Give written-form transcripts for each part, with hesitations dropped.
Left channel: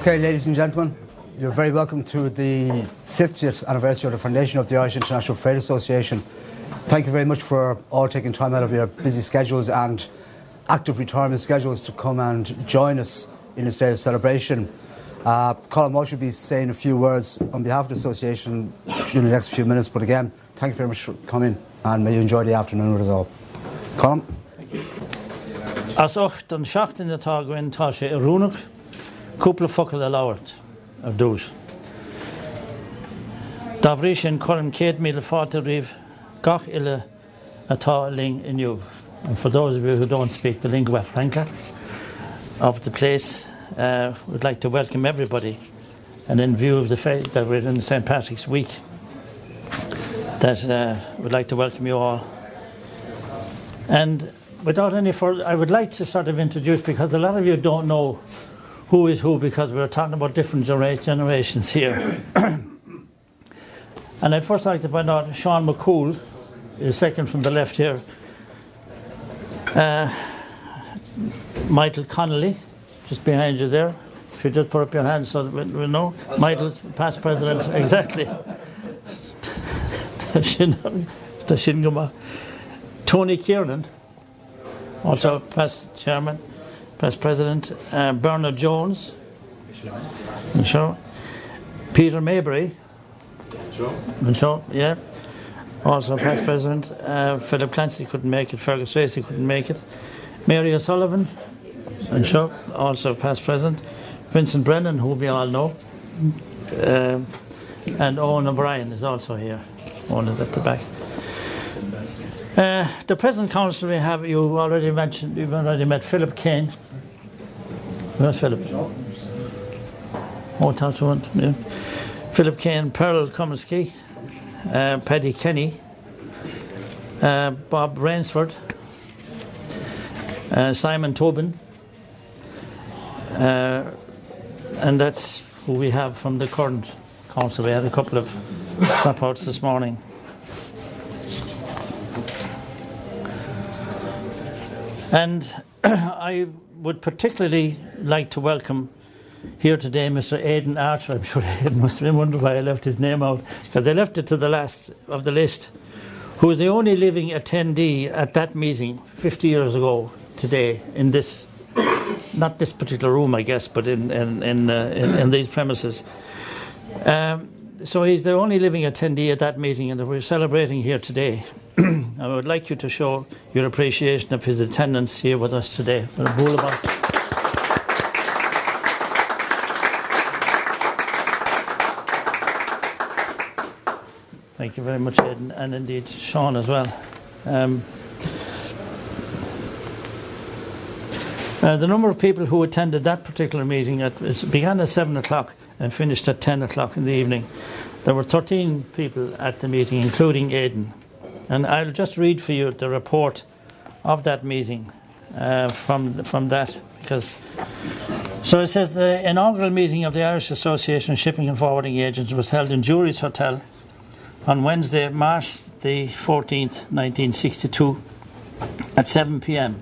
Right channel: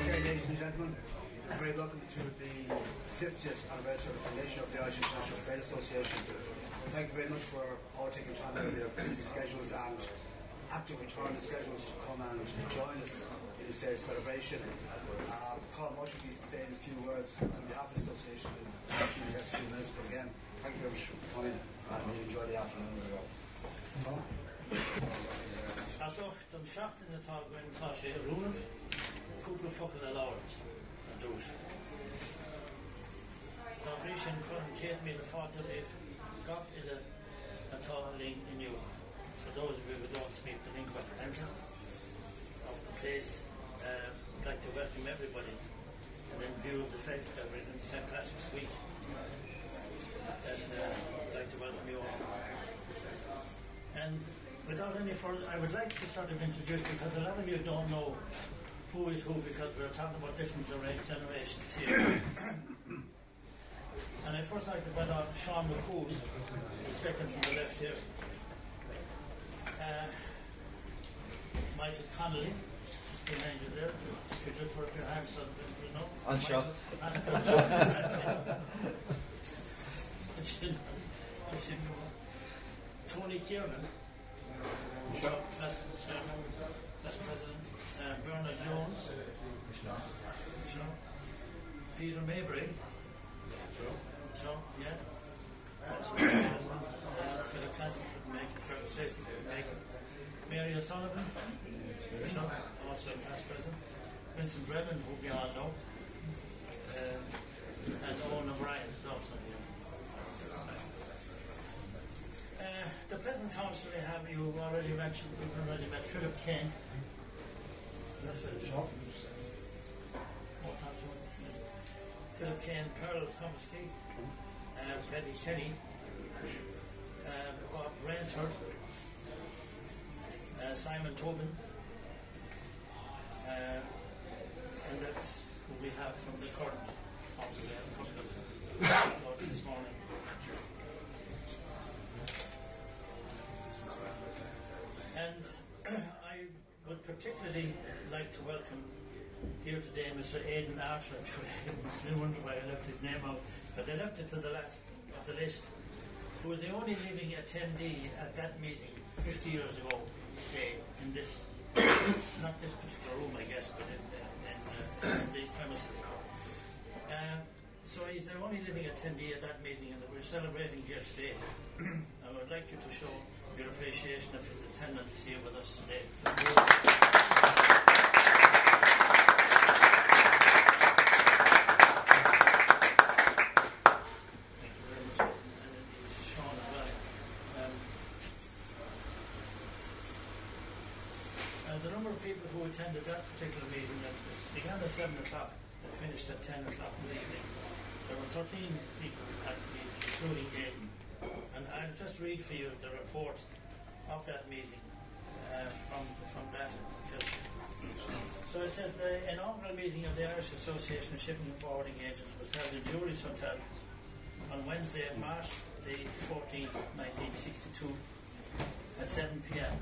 Okay, ladies and gentlemen, you're very welcome to the 50th anniversary of the foundation of the Irish International Freight Association. Thank you very much for all taking time out of your busy schedules and active retirement schedules to come and join us in this day of celebration. Colin Walsh will be saying a few words on behalf of the association during the next few minutes, but again, thank you very much for coming and may you enjoy the afternoon with us all. Colin? As ocht an seacht in the tá gwen tá sé rúnach, cúpla focail a labhart of dús. Dá bhrí sin chuireann 140 riamh gach ile atá ling inniuh. And for those of you who don't speak the lingua franca of the place, we'd like to welcome everybody, and in view of the fact that we're in St. Patrick's Week, that we'd like to welcome you all. And without any further, I would like to sort of introduce, because a lot of you don't know who is who, because we're talking about different generations here. And I'd first like to point out Sean McCool is second from the left here. Michael Connolly, just behind you there. If you just put up your hand so that we know. Michael's past president, exactly. Tony Kiernan, also past chairman, past president. Bernard Jones, sure. Peter Maybury, sure, yeah. Also past president. Philip Clancy couldn't make it. Fergus Tracy couldn't make it. Mary O'Sullivan, and sure, also past president. Vincent Brennan, who we all know. And Owen and Brien is also here. Owen is at the back. The present council we have, you already mentioned, you've already met Philip Kane. Where's Philip? Oh, that's one. Yeah. Philip Kane, Pearl Comiskey, Paddy Kenny, Bob Rainsford, Simon Tobin, and that's who we have from the current council. We had a couple of dropouts this morning. And I would particularly like to welcome here today Mr Aedan Archer. I'm sure Aedan must have been wondering why I left his name out, because I left it to the last of the list, who is the only living attendee at that meeting 50 years ago today in this, not this particular room I guess, but in these premises. So he's the only living attendee at that meeting, and we're celebrating here today. I would like you to show your appreciation of his attendance here with us today. Thank you very much, Aidan, and indeed Sean as well. The number of people who attended that particular meeting, it began at 7 o'clock and finished at 10 o'clock in the evening. There were 13 people at the meeting, including Aidan. And I'll just read for you the report of that meeting from that, because so it says the inaugural meeting of the Irish Association of Shipping and Forwarding Agents was held in Jury's Hotel on Wednesday, March the 14th, 1962 at 7 p.m.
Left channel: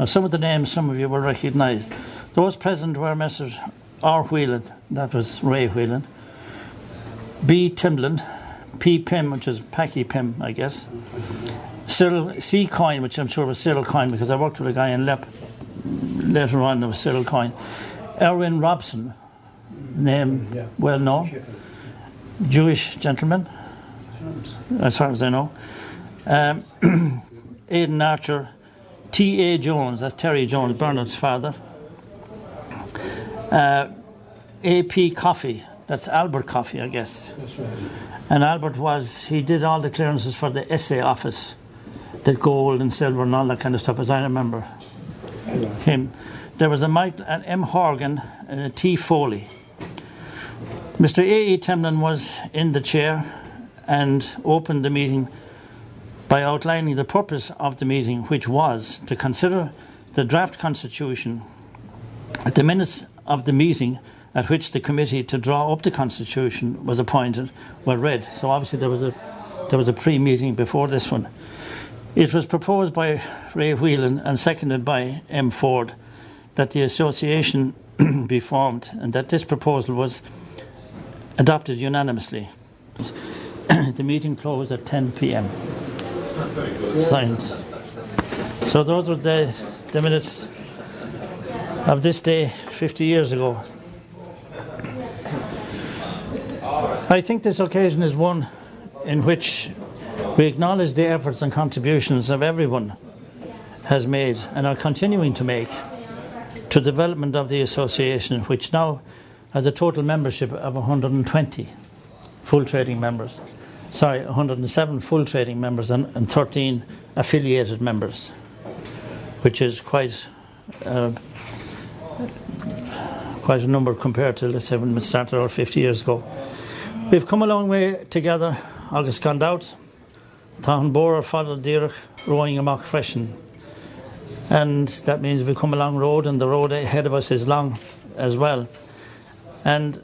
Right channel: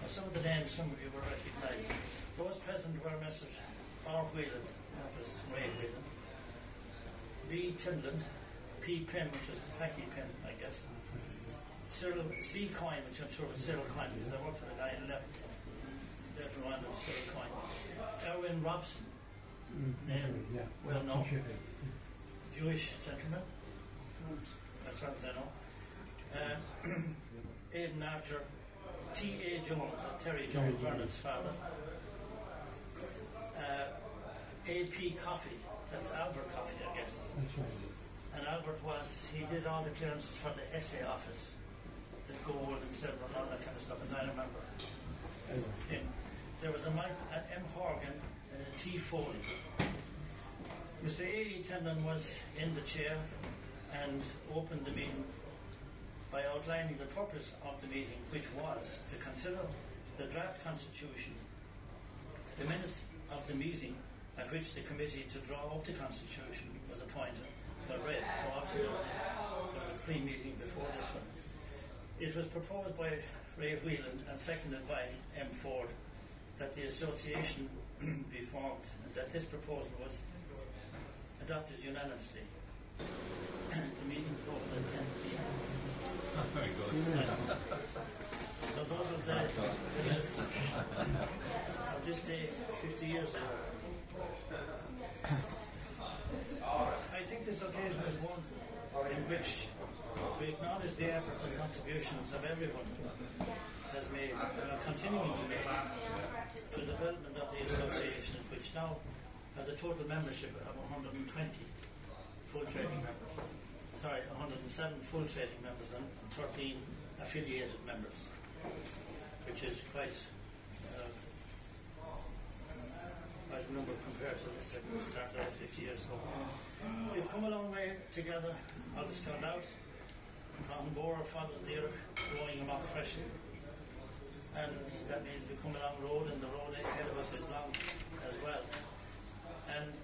Now some of the names some of you will recognise. Those present were Messrs R. Whelan, that was Ray Whelan, B. Timlin, P. Pym, which is Packy Pym, I guess. Cyril C. Coyne, which I'm sure was Cyril Coyne, because I worked with a guy in Lep later on, there was Cyril Coyne. Erwin Robson, name well known. Jewish gentleman, as far as I know. Aedan Archer, T.A. Jones, that's Terry Jones, Bernard's father. A.P. Coffey, that's Albert Coffey, I guess. That's right. And Albert he did all the clearances for the SA office, did gold and silver and all that kind of stuff, as I remember him. There was an M. Horgan and a T. Foley. Mr. A.E. Temlin was in the chair and opened the meeting by outlining the purpose of the meeting, which was to consider the draft constitution at the minutes of the meeting at which the committee to draw up the constitution was appointed were read. So obviously there was a pre-meeting before this one. It was proposed by Ray Whelan and seconded by M. Ford that the association be formed, and that this proposal was adopted unanimously. The meeting closed at 10 p.m. Signed. So those were the minutes of this day 50 years ago. I think this occasion is one in which we acknowledge the efforts and contributions of everyone has made and are continuing to make to the development of the association, which now has a total membership of 120 full trading members. 107 full trading members and 13 affiliated members, which is quite a number compared to, let's say, when we started out 50 years ago. We've come a long way together. August gone out, Táhan Bóra followed Dírach, rowing amach freshen. And that means we've come a long road, and the road ahead of us is long as well. And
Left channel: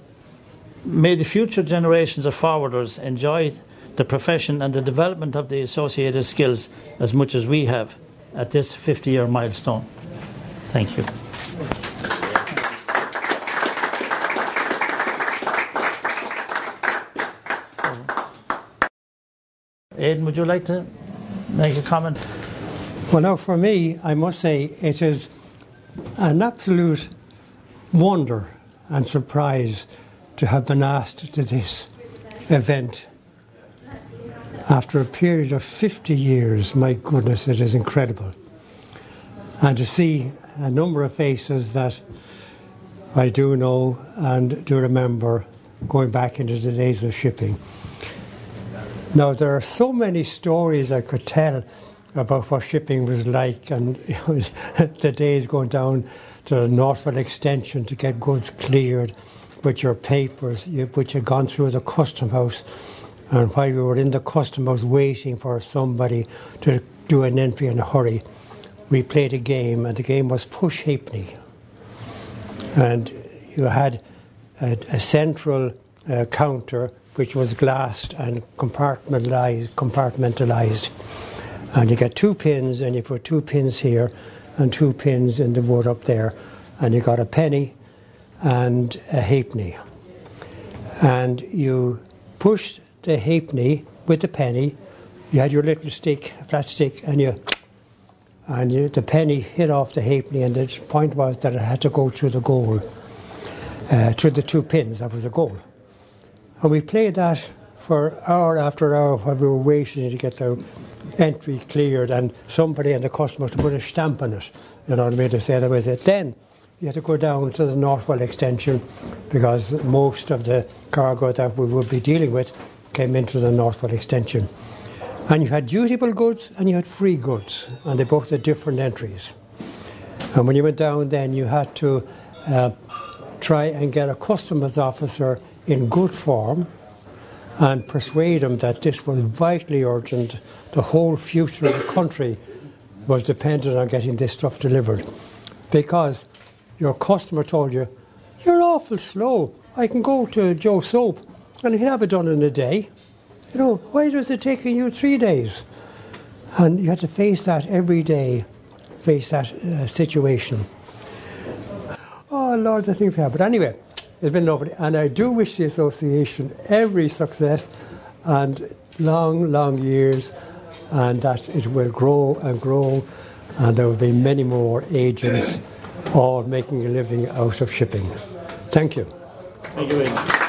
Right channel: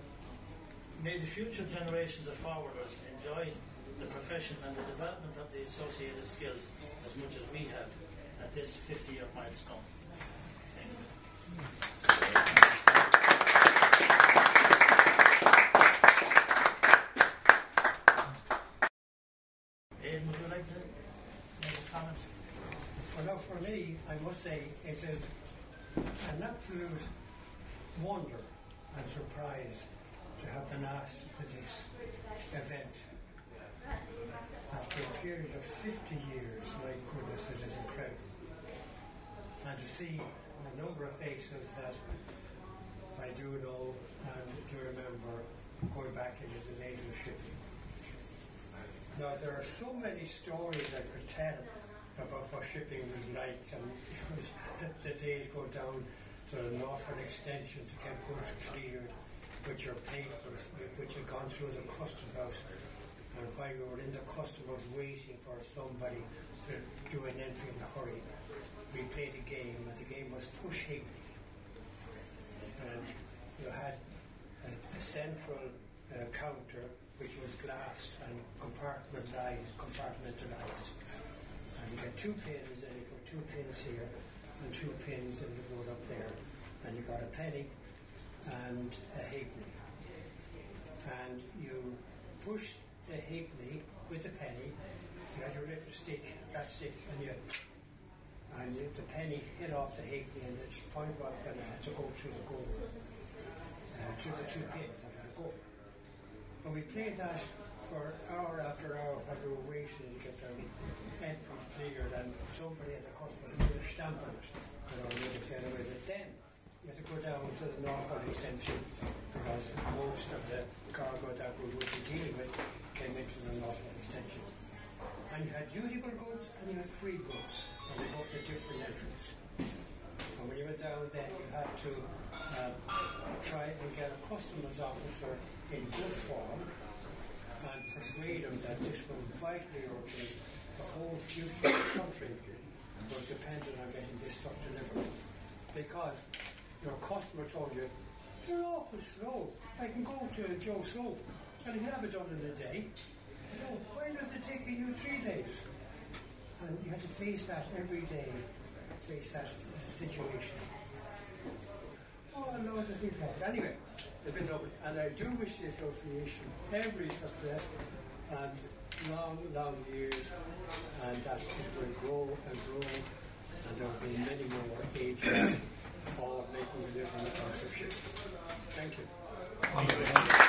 may the future generations of forwarders enjoy the profession and the development of the associated skills as much as we have at this 50-year milestone. Thank you. Aidan, would you like to make a comment? Well, now for me, I must say it is an absolute wonder and surprise to have been asked to this event. After a period of 50 years, my goodness, it is incredible. And to see a number of faces that I do know and do remember going back into the days of shipping. Now, there are so many stories I could tell about what shipping was like, and it was the days going down to the Northwell extension to get goods cleared with your papers, which had gone through the custom house. And while we were in the custom house waiting for somebody to do an entry in a hurry, we played a game, and the game was Push Halfpenny. And you had a central counter which was glassed and compartmentalised. And you get 2 pins, and you put 2 pins here and 2 pins in the wood up there, and you got a penny and a halfpenny. And you pushed the halfpenny with the penny. You had your little stick, flat stick, and the penny hit off the halfpenny, and the point was that it had to go through the goal, through the 2 pins. That was the goal. And we played that for hour after hour while we were waiting to get the entry cleared, and somebody in the customer to put a stamp on it, you know what I mean, to say that was it. Then you had to go down to the Northwell extension, because most of the cargo that we would be dealing with came into the Northwell extension. And you had dutiable goods and you had free goods, and they both had different entries. And when you went down, then you had to try and get a customs officer in good form and persuade him that this was vitally urgent. The whole future of the country was dependent on getting this stuff delivered, because your customer told you, "You're awful slow. I can go to Joe Soap and he'll have it done in a day. You know, why is it taking you 3 days?" And you had to face that every day, face that situation. Oh Lord, I think we have. But anyway, it's been lovely, and I do wish the association every success and long, long years, and that it will grow and grow, and there will be many more agents all making a living out of shipping. Thank you. Thank you.